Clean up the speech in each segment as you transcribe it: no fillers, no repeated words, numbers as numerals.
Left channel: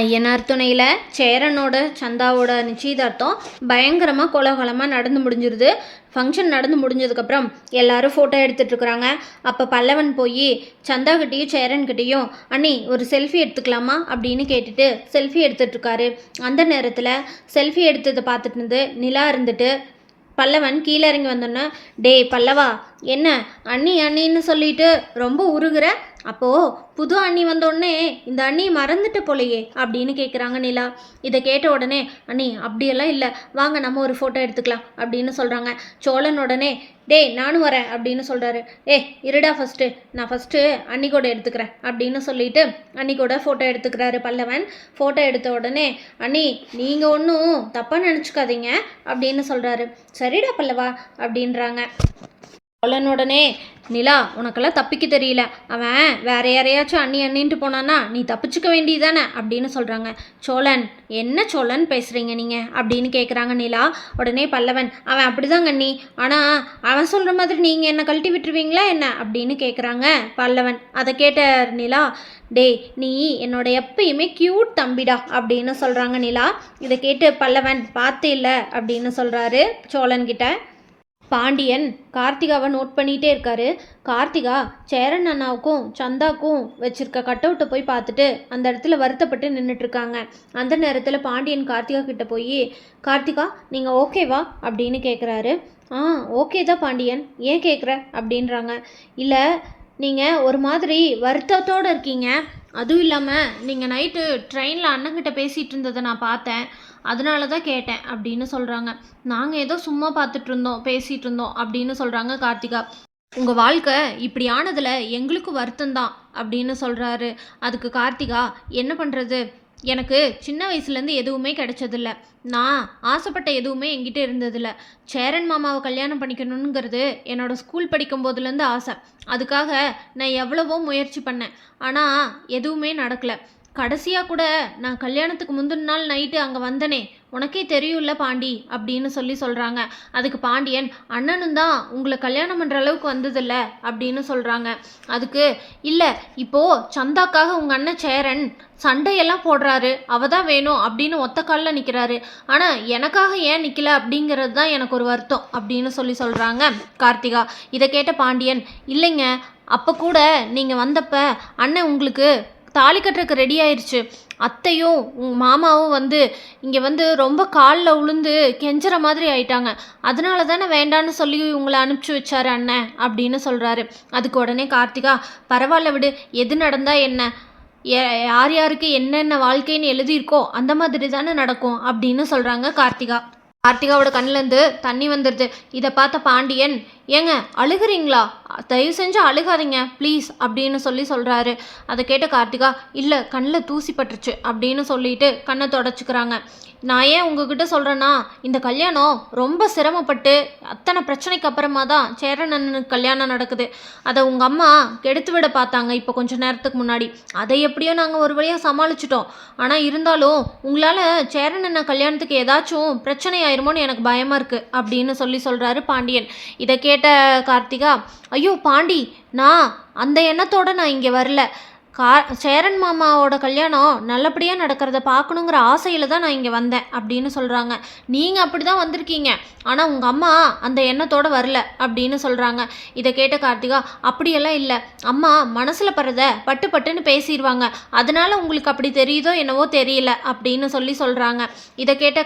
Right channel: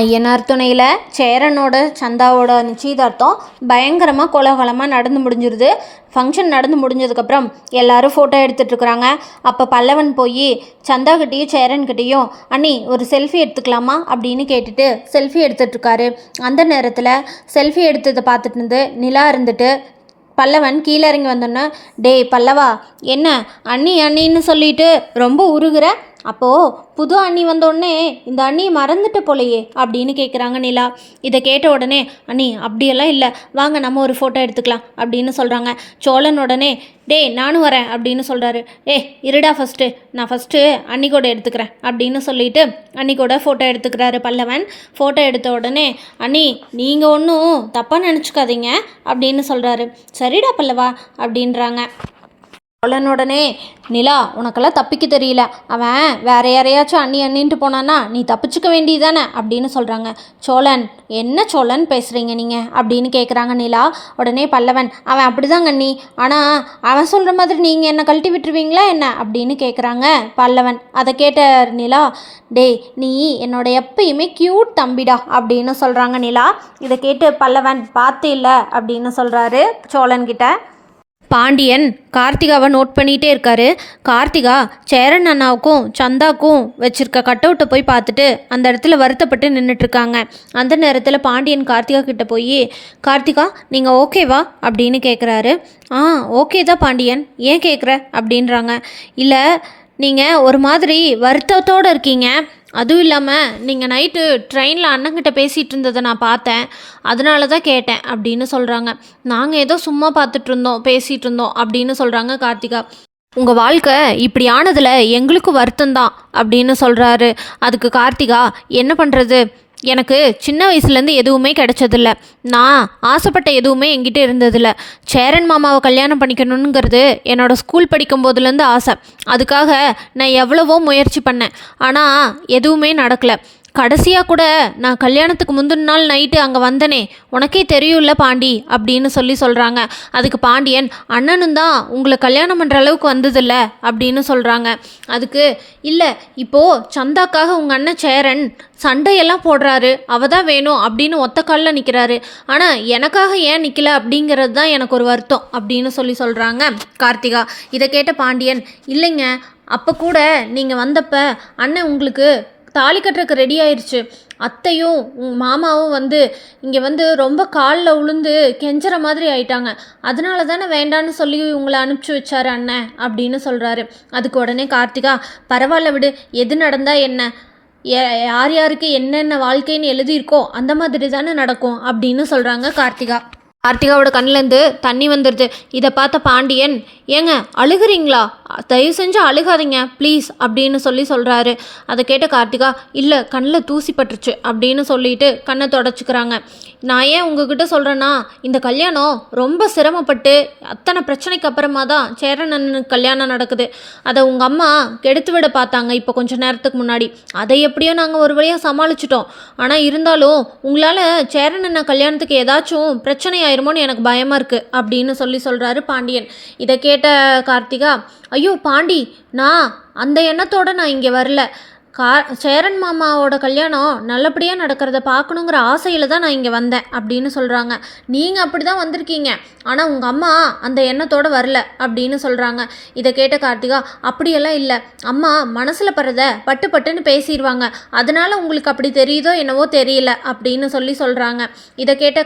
ஐயனார் துணையில் சேரனோட சந்தாவோட நிச்சயதார்த்தம் பயங்கரமாக கோலாகலமாக நடந்து முடிஞ்சிருது. ஃபங்க்ஷன் நடந்து முடிஞ்சதுக்கப்புறம் எல்லாரும் ஃபோட்டோ எடுத்துகிட்ருக்குறாங்க. அப்போ பல்லவன் போய் சந்தாக்கிட்டேயும் சேரன்கிட்டேயும் அண்ணி ஒரு செல்ஃபி எடுத்துக்கலாமா அப்படின்னு கேட்டுட்டு செல்ஃபி எடுத்துகிட்ருக்காரு. அந்த நேரத்தில் செல்ஃபி எடுத்ததை பார்த்துட்டு இருந்து நிலா இருந்துட்டு பல்லவன் கீழே இறங்கி வந்தோன்னே, டேய் பல்லவா, என்ன அண்ணி அண்ணின்னு சொல்லிட்டு ரொம்ப உருகுற? அப்போது புது அண்ணி வந்தோடனே இந்த அண்ணியை மறந்துட்டு போலையே அப்படின்னு கேட்குறாங்க நிலா. இதை கேட்ட உடனே, அண்ணி அப்படியெல்லாம் இல்லை, வாங்க நம்ம ஒரு ஃபோட்டோ எடுத்துக்கலாம் அப்படின்னு சொல்கிறாங்க. சோழன் உடனே, டேய் நானும் வரேன் அப்படின்னு சொல்கிறாரு. இருடா நான் ஃபஸ்ட்டு அண்ணி கூட எடுத்துக்கிறேன் அப்படின்னு சொல்லிட்டு அண்ணி கூட ஃபோட்டோ எடுத்துக்கிறாரு பல்லவன். ஃபோட்டோ எடுத்த உடனே, அண்ணி நீங்கள் ஒன்றும் தப்பாக நினச்சிக்காதீங்க அப்படின்னு சொல்கிறாரு. சரிடா பல்லவா அப்படின்றாங்க. சோழனுடனே, நிலா உனக்கெல்லாம் தப்பிக்க தெரியல, அவன் வேற யாரையாச்சும் அண்ணி அண்ணின்ட்டு போனான்னா நீ தப்பிச்சுக்க வேண்டியதானே அப்படின்னு சொல்கிறாங்க. சோழன், என்ன சோழன் பேசுகிறீங்க நீங்கள் அப்படின்னு கேட்குறாங்க நிலா. உடனே பல்லவன், அவன் அப்படிதாங்க அண்ணி, ஆனால் அவன் சொல்கிற மாதிரி நீங்கள் என்னை கழட்டி விட்டுருவீங்களா என்ன அப்படின்னு கேட்குறாங்க பல்லவன். அதை கேட்ட நிலா, டேய் நீ என்னோட எப்பயுமே க்யூட் தம்பிடா அப்படின்னு சொல்கிறாங்க நிலா. இதை கேட்டு பல்லவன், பார்த்து இல்லை அப்படின்னு சொல்கிறாரு சோழன்கிட்ட. பாண்டியன் கார்த்திகாவை நோட் பண்ணிகிட்டே இருக்காரு. கார்த்திகா சேரன் அண்ணாவுக்கும் சந்தாவுக்கும் வச்சுருக்க கட் அவுட்டை போய் பார்த்துட்டு அந்த இடத்துல வருத்தப்பட்டு நின்றுட்டுருக்காங்க. அந்த நேரத்தில் பாண்டியன் கார்த்திகா கிட்டே போய், கார்த்திகா நீங்கள் ஓகேவா அப்படின்னு கேட்குறாரு. ஓகே தான் பாண்டியன், ஏன் கேட்குற அப்படின்றாங்க. இல்லை, நீங்கள் ஒரு மாதிரி வருத்தத்தோடு இருக்கீங்க, அதுவும் இல்லாமல் நீங்கள் நைட்டு ட்ரெயினில் அண்ணங்கிட்ட பேசிகிட்டு இருந்ததை நான் பார்த்தேன், அதனால தான் கேட்டேன் அப்படின்னு சொல்கிறாங்க. நாங்கள் ஏதோ சும்மா பார்த்துட்டு இருந்தோம், பேசிகிட்டு இருந்தோம் அப்படின்னு சொல்கிறாங்க கார்த்திகா. உங்கள் வாழ்க்கை இப்படி ஆனதில் எங்களுக்கும் வருத்தம்தான் அப்படின்னு சொல்கிறாரு. அதுக்கு கார்த்திகா, என்ன பண்ணுறது, எனக்கு சின்ன வயசுலேருந்து எதுவுமே கிடைச்சதில்ல, நான் ஆசைப்பட்ட எதுவுமே என்கிட்ட இருந்ததில்ல. சேரன் மாமாவை கல்யாணம் பண்ணிக்கணுங்கிறது என்னோடய ஸ்கூல் படிக்கும் போதுலேருந்து ஆசை. அதுக்காக நான் எவ்வளவோ முயற்சி பண்ணேன், ஆனால் எதுவுமே நடக்கலை. கடைசியாக கூட நான் கல்யாணத்துக்கு முந்தின நாள் நைட்டு அங்கே வந்தனே, உனக்கே தெரியும்ல பாண்டி அப்படின்னு சொல்கிறாங்க. அதுக்கு பாண்டியன், அண்ணனும் தான் உங்களை கல்யாணம் பண்ணுற அளவுக்கு வந்ததில்ல அப்படின்னு சொல்கிறாங்க. அதுக்கு, இல்லை இப்போது சந்தாக்காக உங்கள் அண்ணன் சேரன் சண்டையெல்லாம் போடுறாரு, அவ தான் வேணும் அப்படின்னு ஒத்த காலில் நிற்கிறாரு, ஆனால் எனக்காக ஏன் நிற்கல அப்படிங்கிறது தான் எனக்கு ஒரு வருத்தம் அப்படின்னு சொல்கிறாங்க கார்த்திகா. இதை கேட்ட பாண்டியன், இல்லைங்க, அப்போ கூட நீங்கள் வந்தப்போ அண்ணன் உங்களுக்கு தாலி கட்டுறதுக்கு ரெடி ஆயிடுச்சு, அத்தையும் மாமாவும் இங்கே ரொம்ப காலில் உளுந்து கெஞ்சுற மாதிரி ஆயிட்டாங்க, அதனால தானே வேண்டான்னு சொல்லி உங்களை அனுப்பிச்சி வச்சாரு அண்ணன் அப்படின்னு சொல்கிறாரு. அதுக்கு உடனே கார்த்திகா, பரவாயில்ல விடு, எது நடந்தா என்ன, யார் யாருக்கு என்னென்ன வாழ்க்கைன்னு எழுதியிருக்கோ அந்த மாதிரி தானே நடக்கும் அப்படின்னு சொல்கிறாங்க கார்த்திகா. கார்த்திகாவோட கண்ணிலேருந்து தண்ணி வந்துடுது. இதை பார்த்த பாண்டியன், ஏங்க அழுகிறீங்களா, தயவு செஞ்சு அழுகாதீங்க ப்ளீஸ் அப்படின்னு சொல்கிறாரு. அதை கேட்ட கார்த்திகா, இல்லை கண்ணில் தூசி பட்டுருச்சு அப்படின்னு சொல்லிட்டு கண்ணை தொடச்சிக்கிறாங்க. நான் ஏன் உங்ககிட்ட சொல்கிறேன்னா, இந்த கல்யாணம் ரொம்ப சிரமப்பட்டு அத்தனை பிரச்சனைக்கு அப்புறமா தான் சேரனனுக்கு கல்யாணம் நடக்குது. அதை உங்கள் அம்மா கெடுத்து விட பார்த்தாங்க இப்போ கொஞ்சம் நேரத்துக்கு முன்னாடி, அதை எப்படியோ நாங்கள் ஒரு வழியாக சமாளிச்சிட்டோம். ஆனால் இருந்தாலும் உங்களால் சேரனன் கல்யாணத்துக்கு ஏதாச்சும் பிரச்சனை ஆயிருமோன்னு எனக்கு பயமாக இருக்குது அப்படின்னு சொல்கிறாரு பாண்டியன். இதை கேட்ட கார்த்திகா, ஐயோ பாண்டி, நான் அந்த எண்ணத்தோடு நான் இங்கே வரல, சேரன் மாமாவோட கல்யாணம் நல்லபடியாக நடக்கிறத பார்க்கணுங்கிற ஆசையில் தான் நான் இங்கே வந்தேன் அப்படின்னு சொல்கிறாங்க. நீங்கள் அப்படி தான் வந்திருக்கீங்க, ஆனால் உங்கள் அம்மா அந்த எண்ணத்தோடு வரல அப்படின்னு சொல்கிறாங்க. இதை கேட்ட கார்த்திகா, அப்படியெல்லாம் இல்லை, அம்மா மனசில் படுறத பட்டு பட்டுன்னு பேசிடுவாங்க, அதனால் உங்களுக்கு அப்படி தெரியுதோ என்னவோ தெரியல அப்படின்னு சொல்கிறாங்க. இதை கேட்ட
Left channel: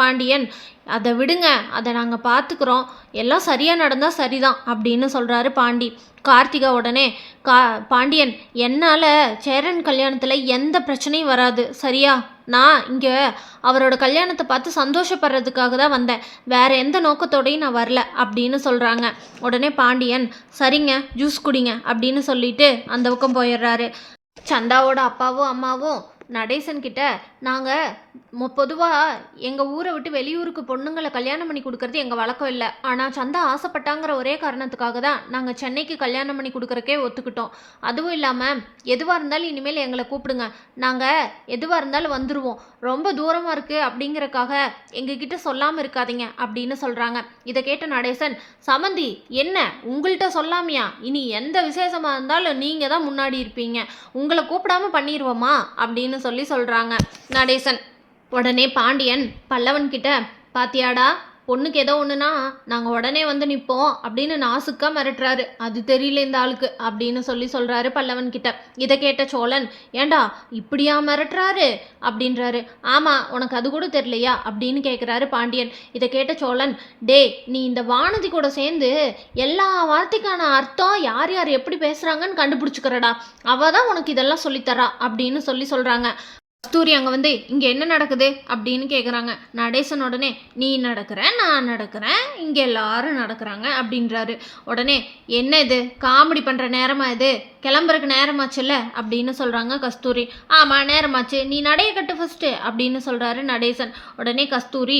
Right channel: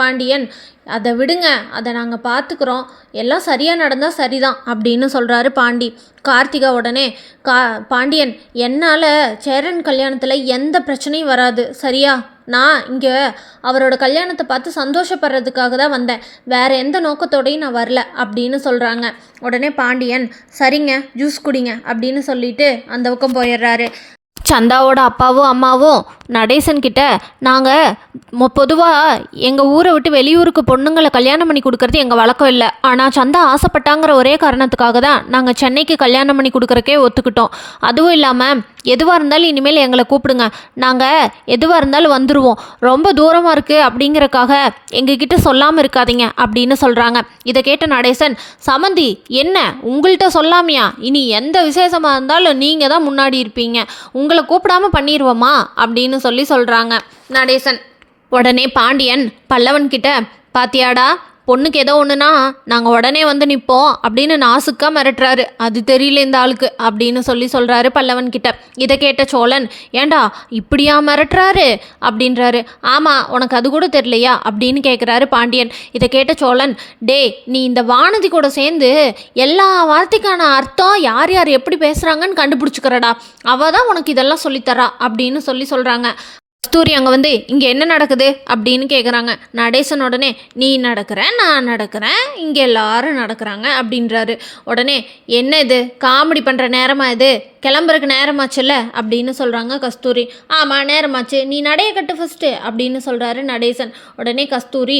பாண்டியன், அதை விடுங்க, அதை நாங்கள் பார்த்துக்குறோம், எல்லாம் சரியாக நடந்தால் சரிதான் அப்படின்னு சொல்கிறாரு பாண்டி. கார்த்திகா உடனே, பாண்டியன், என்னால் சேரன் கல்யாணத்தில் எந்த பிரச்சனையும் வராது சரியா, நான் இங்கே அவரோட கல்யாணத்தை பார்த்து சந்தோஷப்படுறதுக்காக தான் வந்தேன், வேறு எந்த நோக்கத்தோடையும் நான் வரல அப்படின்னு சொல்கிறாங்க. உடனே பாண்டியன், சரிங்க ஜூஸ் குடிங்க அப்படின்னு சொல்லிட்டு அந்த பக்கம் போயிடுறாரு. சந்தாவோட அப்பாவும் அம்மாவும் நடேசன்கிட்ட, நாங்கள் பொதுவாக எங்கள் ஊரை விட்டு வெளியூருக்கு பொண்ணுங்களை கல்யாணம் பண்ணி கொடுக்கறது எங்கள் வழக்கம் இல்லை, ஆனால் சந்தா ஆசைப்பட்டாங்கிற ஒரே காரணத்துக்காக தான் நாங்கள் சென்னைக்கு கல்யாணம் பண்ணி கொடுக்குறக்கே ஒத்துக்கிட்டோம். அதுவும் இல்லாமல் எதுவாக இருந்தாலும் இனிமேல் எங்களை கூப்பிடுங்க, நாங்கள் எதுவாக இருந்தாலும் வந்துடுவோம், ரொம்ப தூரமாக இருக்குது அப்படிங்கிறக்காக எங்ககிட்ட சொல்லாமல் இருக்காதீங்க அப்படின்னு சொல்கிறாங்க. இதை கேட்ட நடேசன், சமந்தி என்ன உங்கள்கிட்ட சொல்லாமையா, இனி எந்த விசேஷமாக இருந்தாலும் நீங்கள் தான் முன்னாடி இருப்பீங்க, உங்களை கூப்பிடாம பண்ணிடுவோமா அப்படின்னு சொல்கிறாங்க நடேசன். உடனே பாண்டியன் பல்லவன்கிட்ட, பாத்தியாடா பொண்ணுக்கு ஏதோ ஒன்றுனா நாங்கள் உடனே வந்து நிற்போம் அப்படின்னு நாசுக்காக மிரட்டுறாரு, அது தெரியல இந்த ஆளுக்கு அப்படின்னு சொல்கிறாரு பல்லவன்கிட்ட. இதை கேட்ட சோழன், ஏண்டா இப்படியா மிரட்டுறாரு அப்படின்றாரு. ஆமாம், உனக்கு அது கூட தெரியலையா அப்படின்னு கேட்குறாரு பாண்டியன். இதை கேட்ட சோழன், டே நீ இந்த வானதி கூட சேர்ந்து எல்லா வார்த்தைக்கான அர்த்தம் யார் யார் எப்படி பேசுகிறாங்கன்னு கண்டுபிடிச்சிக்கிறடா, அவள் தான் உனக்கு இதெல்லாம் சொல்லித்தரா அப்படின்னு சொல்கிறாங்க. கஸ்தூரி அங்கே வந்து இங்கே என்ன நடக்குது அப்படின்னு கேட்குறாங்க. நடேசன் உடனே, நீ நடக்கிற, நான் நடக்கிறேன், இங்கே எல்லாரும் நடக்கிறாங்க அப்படின்றாரு. உடனே, என்ன இது காமெடி பண்ணுற நேரமா இது, கிளம்புறக்கு நேரமாச்சுல்ல அப்படின்னு சொல்கிறாங்க கஸ்தூரி. ஆமாம் நேரமாச்சு, நீ நடைய கட்டு ஃபஸ்ட்டு அப்படின்னு சொல்கிறாரு நடேசன். உடனே கஸ்தூரி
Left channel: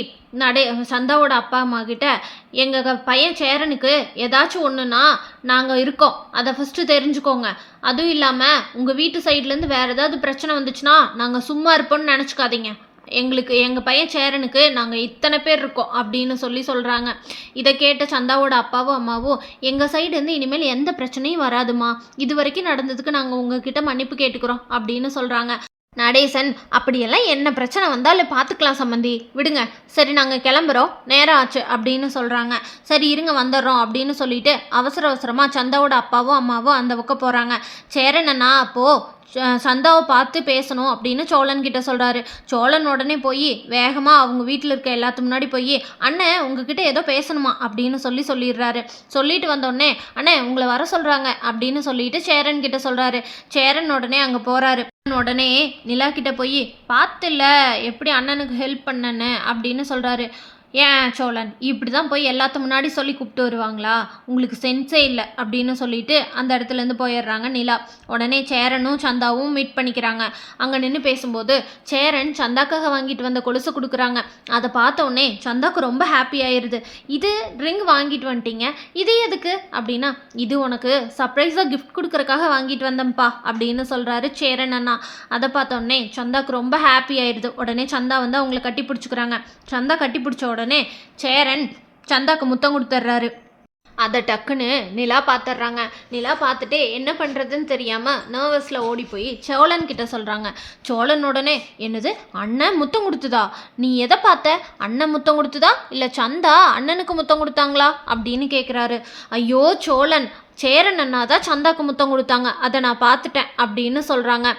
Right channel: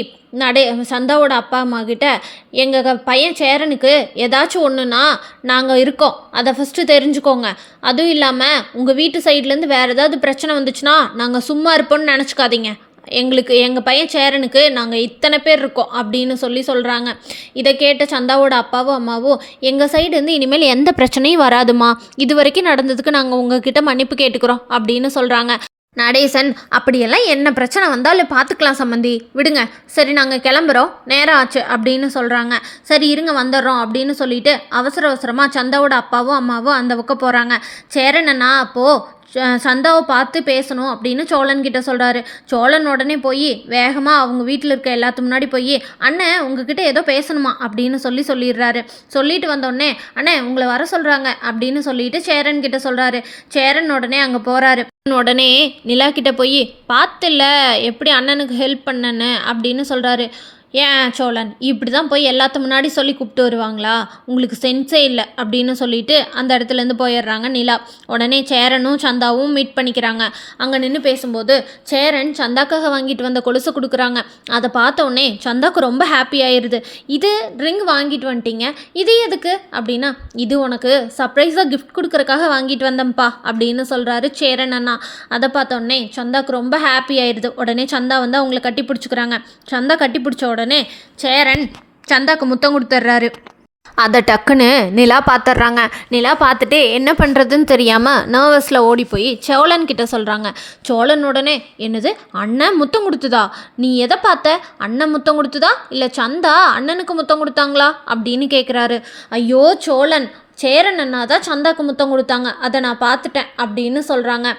சந்தாவோட அப்பா அம்மா கிட்ட, எங்கள் பையன் சேரனுக்கு ஏதாச்சும் ஒன்றுனா நாங்கள் இருக்கோம், அதை ஃபஸ்ட்டு தெரிஞ்சுக்கோங்க, அதுவும் இல்லாமல் உங்கள் வீட்டு சைட்லேருந்து வேறு ஏதாவது பிரச்சனை வந்துச்சுன்னா நாங்கள் சும்மா இருப்போம்னு நினச்சிக்காதீங்க, எங்கள் பையன் சேரனுக்கு நாங்கள் இத்தனை பேர் இருக்கோம் அப்படின்னு சொல்கிறாங்க. இதை கேட்ட சந்தாவோட அப்பாவும் அம்மாவும், எங்கள் சைடுலேருந்து இனிமேல் எந்த பிரச்சனையும் வராதுமா, இது வரைக்கும் நடந்ததுக்கு நாங்கள் உங்ககிட்ட மன்னிப்பு கேட்டுக்கிறோம் அப்படின்னு சொல்கிறாங்க. நடேசன், அப்படியெல்லாம் என்ன பிரச்சனை வந்தாலும் பார்த்துக்கலாம் சம்மந்தி, விடுங்க, சரி நாங்கள் கிளம்புறோம், நேரம் ஆச்சு அப்படின்னு சொல்கிறாங்க. சரி இருங்க வந்துடுறோம் அப்படின்னு சொல்லிட்டு அவசரமாக சந்தாவோட அப்பாவும் அம்மாவும் அந்த பக்கம் போகிறாங்க. சேரனண்ணா அப்போது சந்தாவை பார்த்து பேசணும் அப்படின்னு சோழன்கிட்ட சொல்கிறாரு. சோழன் உடனே போய் வேகமாக அவங்க வீட்டில் இருக்க எல்லாத்து முன்னாடி போய், அண்ணன் உங்ககிட்ட ஏதோ பேசணுமா அப்படின்னு சொல்லிடுறாரு. சொல்லிட்டு வந்தோடனே, அண்ணே உங்களை வர சொல்கிறாங்க அப்படின்னு சொல்லிட்டு சேரன்கிட்ட சொல்கிறாரு. சேரன் உடனே அங்கே போகிறாரு. உடனே நிலா கிட்ட போய், பார்த்துல எப்படி அண்ணனுக்கு ஹெல்ப் பண்ணன்னு அப்படின்னு சொல்கிறாரு. ஏன் சோழன் இப்படி தான் போய் எல்லாத்து முன்னாடி சொல்லி கூப்பிட்டு வருவாங்களா, உங்களுக்கு சென்ஸே இல்லை அப்படின்னு சொல்லிட்டு அந்த இடத்துலேருந்து போயிடுறாங்க நிலா. உடனே சேரனும் சந்தாவும் மீட் பண்ணிக்கிறாங்க. அங்கே நின்று பேசும்போது சேரன் சந்தாக்காக வாங்கிட்டு வந்த கொலுசை கொடுக்குறாங்க. அதை பார்த்த உடனே சந்தாக்கு ரொம்ப ஹாப்பி ஆயிடுது. இது ரிங் வாங்கிட்டு வந்துட்டீங்க, இது எதுக்கு அப்படின்னா, இது உனக்கு சர்ப்ரைஸாக கிஃப்ட் கொடுக்குறக்காக வாங்கிட்டு வந்தேன்ப்பா அப்படின்னு சொல்கிறாரு சேரன் அண்ணா. அதை பார்த்த உடனே சந்தாக்கு ரொம்ப ஹாப்பி ஆயிடுது. உடனே சந்தா வந்து அவங்கள கட்டி பிடிச்சிக்கிறாங்க. சந்தா கட்டி பிடிச்ச உடனே சேரன் சந்தாக்கு முத்தம் கொடுத்துட்றாரு. அதை டக்குன்னு நிலா பார்த்துட்றாங்க. நிலா பார்த்துட்டு என்ன பண்ணுறதுன்னு தெரியாமல் நர்வஸில் ஓடி போய் சோழன் கிட்ட சொல்கிறாங்க. சோழன் உடனே, என்னது அண்ணன் முத்தம் கொடுத்துதா, நீ எதை பார்த்த, அண்ணன் முத்தம் கொடுத்துதா இல்லை சந்தா அண்ணனுக்கு முத்தம் கொடுத்தாங்களா அப்படின்னு கேட்குறாரு. ஐயோ சோழன், சேரன் அண்ணா தான் சந்தாக்கு முத்தம் கொடுத்தாங்க, அதை நான் பார்த்துட்டேன் அப்படின்னு சொல்கிறாங்க.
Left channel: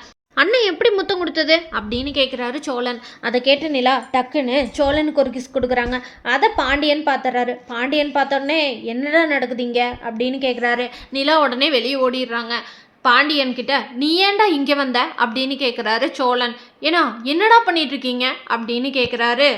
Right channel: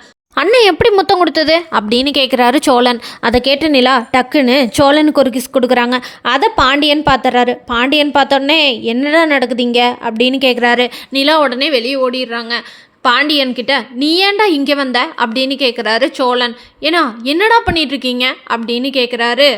அண்ணன் எப்படி முத்தம் கொடுத்தது அப்படின்னு கேட்குறாரு சோழன். அதை கேட்டு நிலா டக்குன்னு சோழனுக்கு ஒரு கிஸ் கொடுக்குறாங்க. அதை பாண்டியன் பார்த்துறாரு. பாண்டியன் பார்த்தோடனே என்னடா நடக்குதுங்க அப்படின்னு கேட்குறாரு. நிலா உடனே வெளியே ஓடிடுறாங்க. பாண்டியன் கிட்ட, நீ ஏன்டா இங்கே வந்த அப்படின்னு கேட்குறாரு சோழன். ஏன்னா என்னடா பண்ணிகிட்ருக்கீங்க அப்படின்னு கேட்குறாரு.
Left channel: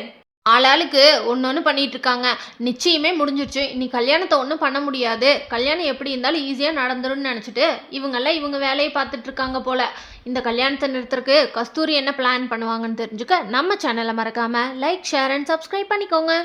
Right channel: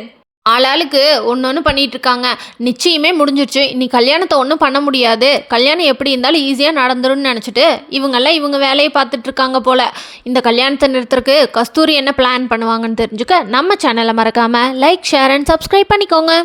ஆளாளுக்கு ஒன்று பண்ணிகிட்ருக்காங்க. நிச்சயமே முடிஞ்சிருச்சு, இனி கல்யாணத்தை ஒன்றும் பண்ண முடியாது, கல்யாணம் எப்படி இருந்தாலும் ஈஸியாக நடந்துரும்னு நினச்சிட்டு இவங்கெல்லாம் இவங்க வேலையை பார்த்துட்ருக்காங்க போல். இந்த கல்யாணத்தை நிறுத்துறதுக்கு கஸ்தூரி என்ன பிளான் பண்ணுவாங்கன்னு தெரிஞ்சுக்க நம்ம சேனலை மறக்காமல் லைக், ஷேர் அண்ட் சப்ஸ்கிரைப் பண்ணிக்கோங்க.